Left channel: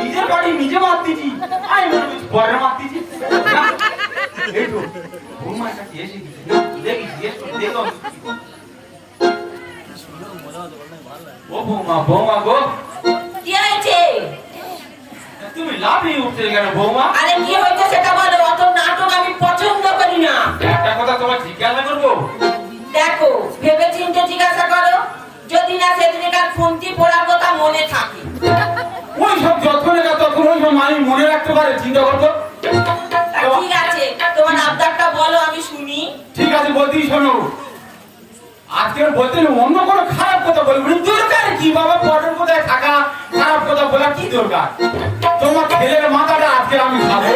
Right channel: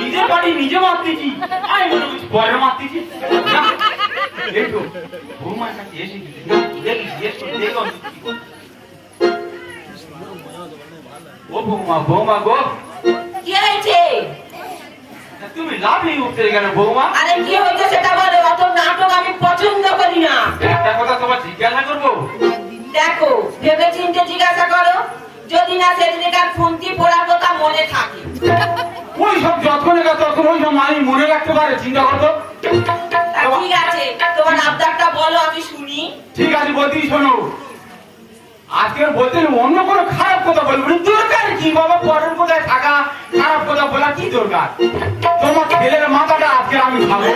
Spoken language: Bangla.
নিজের বাড়ি নিজে মারতেছি, আমি মনে করছি পয়লা মারতেছি। দেখো বৌমার কাছে এসে দেখি জিজ্ঞেস করে দেখো ও বৌমা, বৌমা গো কি হয়েছে? তুমি লাফিয়ে উঠতে কেন বৌমা? আরে কি হয়েছে সেটা বলো, অত নাটক আমি পছন্দ করি না। একটা কথা তোমার জিজ্ঞাসা করবো? দেখো ভেবে চিন্তে জিজ্ঞাসা করো, যদি না সেদিনকার খুন্তি পড়ার কথা মনে থাকে। ওই সব যতক্ষণে ততক্ষণ ওই সব মানুষ মনে রাখতে পারে, চিন্তা করতো। ঠিক আছে, তোমার আবদারটা বলো আমি শুনি। ঠিক আছে বলতেই শোনো, আজকে বলতে অন্য কোনো খারাপ কথা বলবো দরকার কি বাবা? পটল কোথায় থাকা খারাপ কথা বলা কি দরকার? তোমার ছেলের মাথাটা আজকে আমি খাবো।